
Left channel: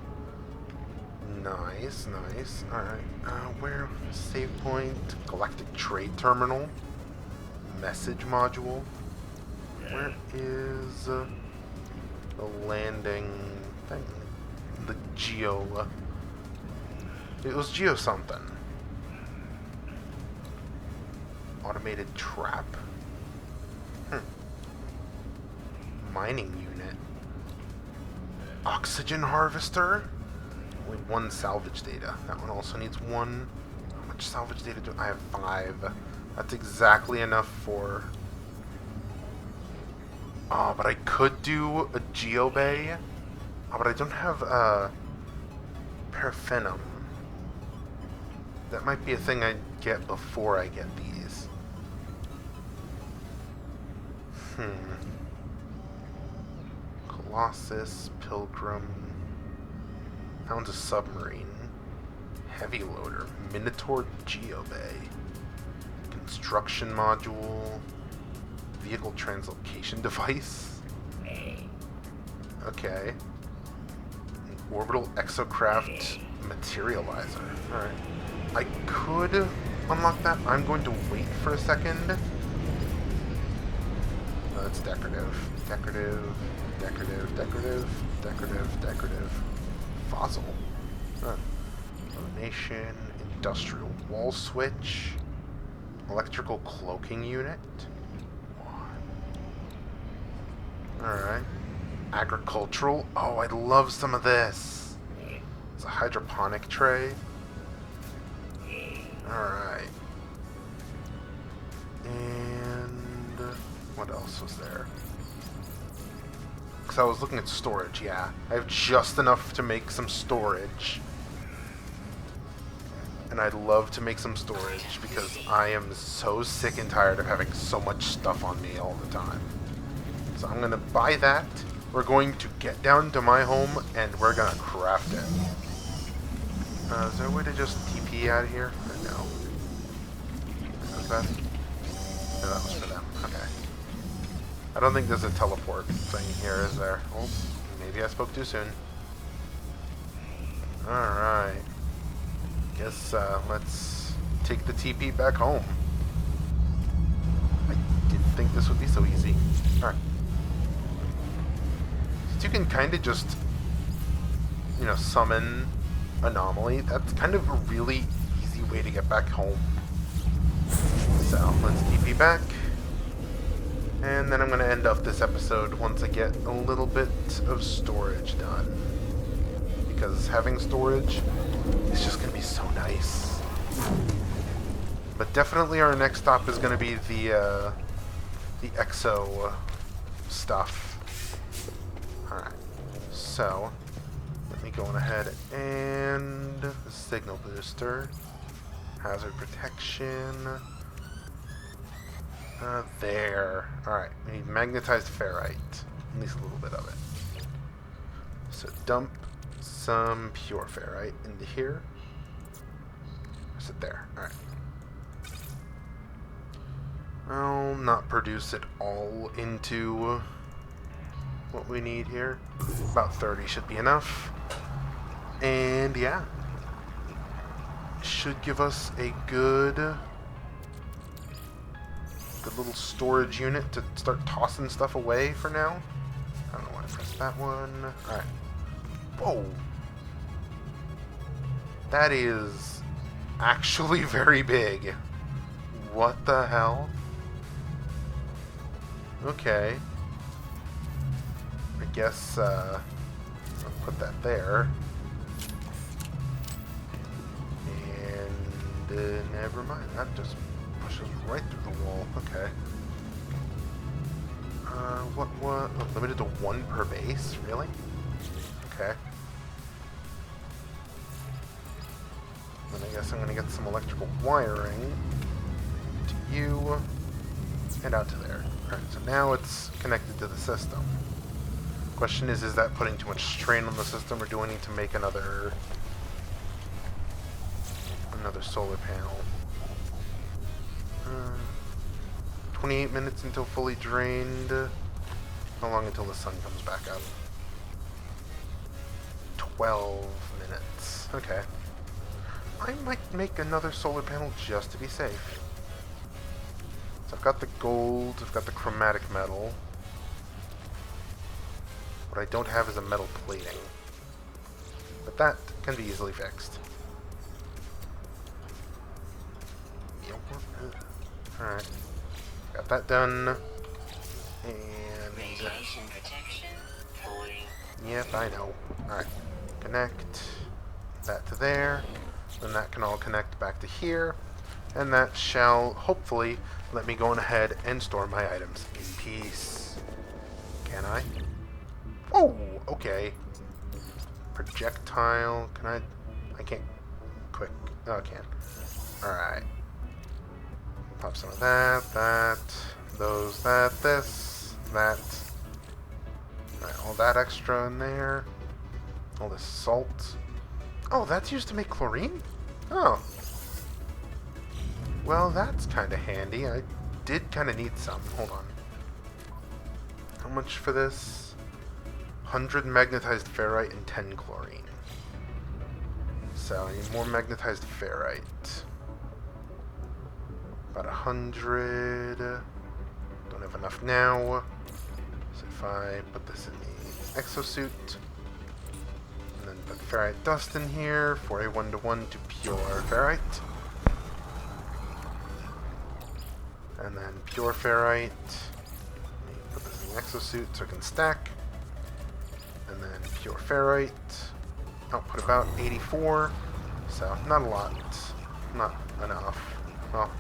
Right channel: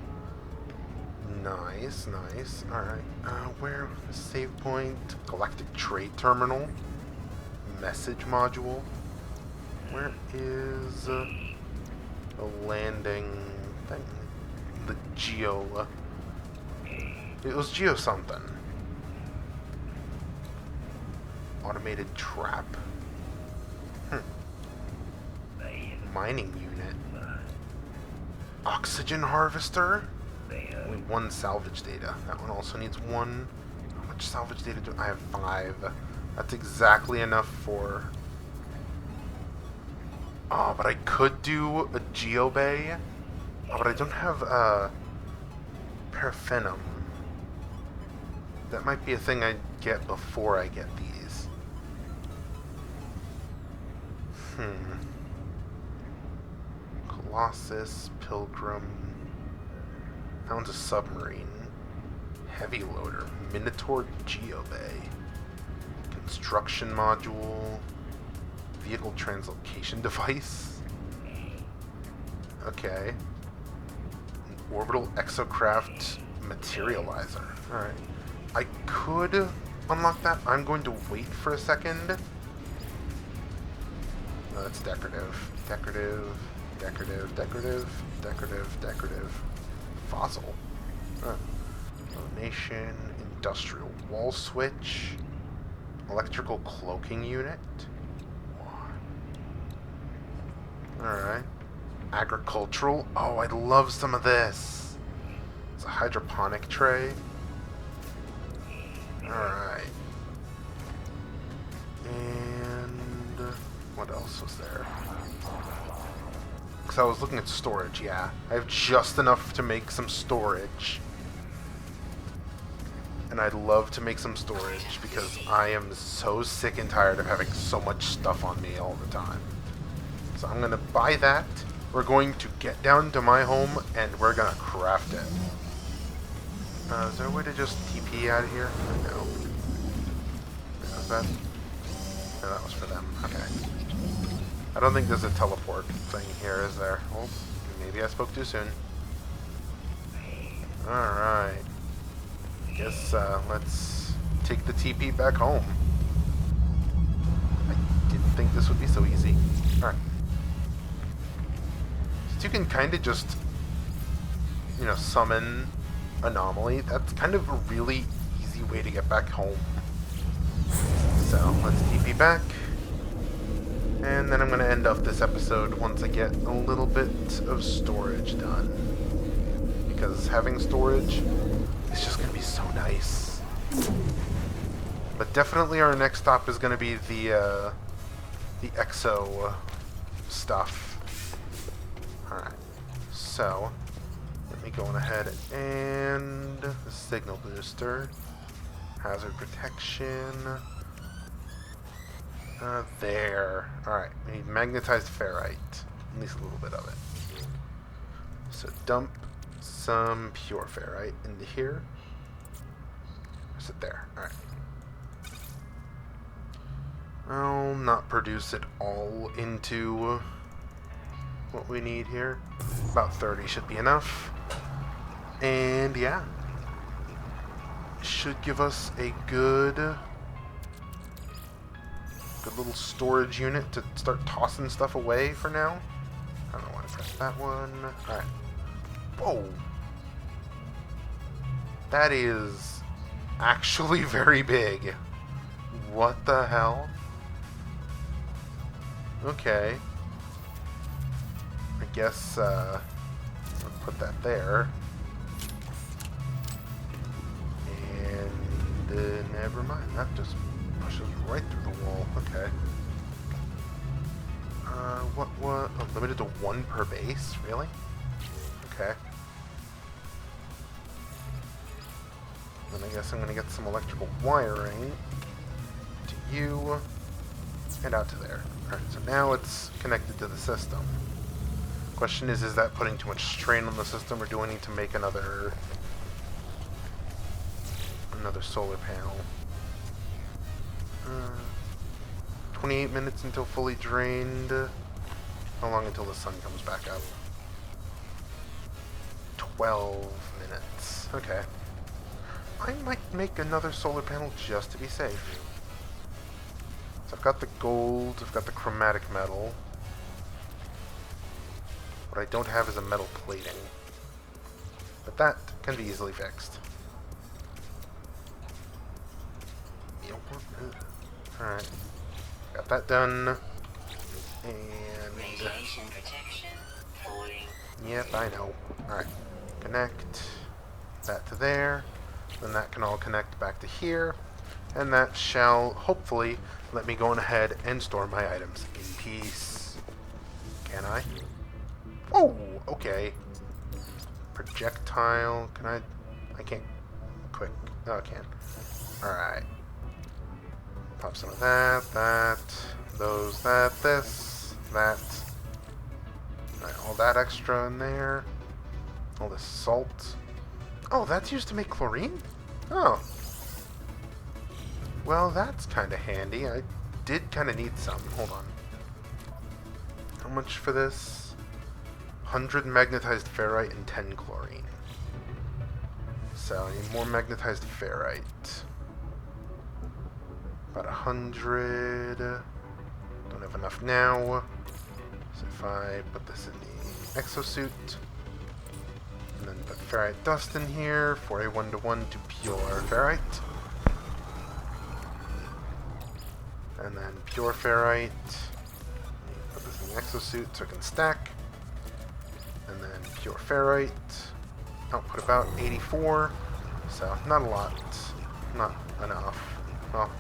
Nice. Alright. Where? Save point. Galactic trade terminal. Message module. Where is the landing thing? The geo. It was geo something. Automated trap. Mining unit. Oxygen harvester. Only one salvage data. That one also needs one. How much salvage data do I have? 5. That's exactly enough for... Oh, but I could do a geobay. Oh, but I don't have paraffinum. That might be a thing I get before I get these. Colossus, Pilgrim. Found a submarine. Heavy loader. Minotaur Geobay. Can Instruction module. Vehicle translocation device. Okay. An orbital exocraft materializer. Alright. I could unlock that. I'm going to wait for a second. No, that's decorative. Decorative. Decorative. Decorative. Decorative. Decorative. Fossil. Huh. Elimination. Industrial wall switch. Electrical cloaking unit. Alright. Agricultural. Oh, I'd love some of this. It's a hydroponic tray. Alright. And what else was there? Because I was looking at storage, yeah. I have just enough to make some storage. And I'd love to make some storage because I am so sick and tired of having so much stuff on me all the time. So I'm going to buy that. We're going to get down to my home and we're going to craft it. Is there a way to just TP out of here? Or no. Is that? No, that was for them. Okay. I don't think there's a teleport thing here, is there? Oh, maybe I spoke too soon. Alright. Guess, let's take the TP back home. I didn't think this would be so easy. Alright. So you can kind of just, you know, summon Anomaly. That's kind of a really easy way to get back home. So, let's TP back. And then I'm going to end off this episode once I get a little bit of storage done. Because having storage is just going to be so nice. But definitely our next stop is going to be the exo stuff. Alright. So, let me go on ahead and the signal booster. Hazard protection. There. Alright, we need magnetized ferrite. At least a little bit of it. So dump some pure ferrite into here. Is it there? Alright. I'll not produce it all into what we need here. About 30 should be enough. And yeah. Should give us a good little storage unit to start tossing stuff away for now. I don't know why I pressed that one. Alright. Whoa. That is actually very big. What the hell? Okay. I guess, I'll put that there. And, never mind. That just pushes right through the wall. Okay. What? Oh, limited to 1 per base? Really? Okay. Then I guess I'm gonna get some electrical wiring to you and out to there. Alright, so now it's connected to the system. Question is that putting too much strain on the system, or do I need to make another solar panel? 28 minutes until fully drained. How long until the sun comes back up? 12 minutes. Okay. I might make another solar panel just to be safe. So I've got the gold, I've got the chromatic metal. What I don't have is a metal plating. But that can be easily fixed. Alright. Got that done. And yep, I know. Alright. Connect that to there. Then that can all connect back to here. And that shall hopefully let me go on ahead and store my items in peace. Can I? Oh, okay. Projectile. Can I? I can't. Quick. Oh, I can. Alright. Pop some of that, those, this, that. Alright, all that extra in there. All this salt. Oh, that's used to make chlorine? Oh. Well, that's kind of handy. I did kind of need some. Hold on. How much for this? 100 magnetized ferrite and 10 chlorine. So I need more magnetized ferrite. About 100. Don't have enough now. So if I put this in the exosuit, and then put ferrite dust in here for a 1-to-1 to pure ferrite. And then pure ferrite. Put this in the exosuit so it can stack. And then pure ferrite. Output about 84. So not a lot. Not enough. Well,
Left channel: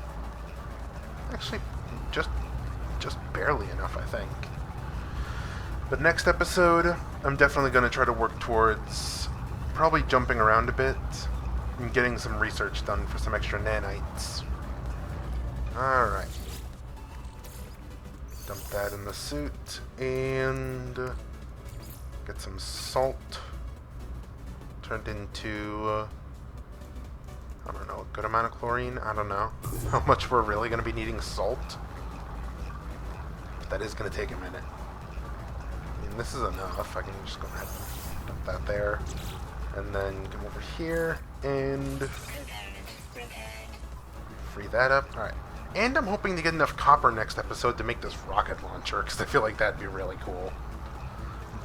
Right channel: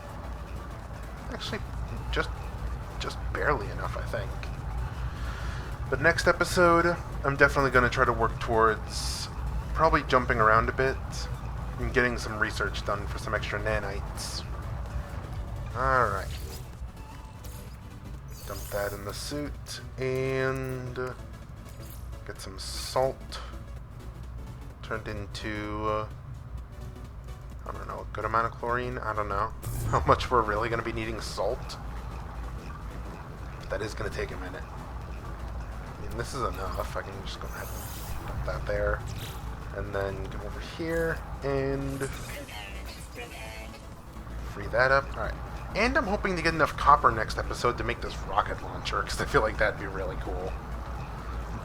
actually, just barely enough, I think. But next episode, I'm definitely going to try to work towards probably jumping around a bit and getting some research done for some extra nanites. Alright. Dump that in the suit and get some salt turned into, I don't know, a good amount of chlorine. I don't know how much we're really going to be needing salt. But that is going to take a minute. I mean, this is enough. I can just go ahead and dump that there. And then come over here and free that up. Alright. And I'm hoping to get enough copper next episode to make this rocket launcher, because I feel like that'd be really cool.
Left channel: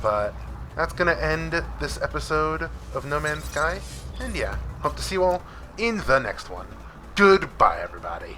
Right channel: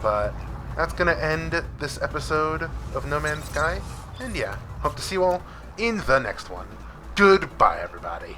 But that's going to end this episode of No Man's Sky. And yeah, hope to see you all in the next one. Goodbye, everybody.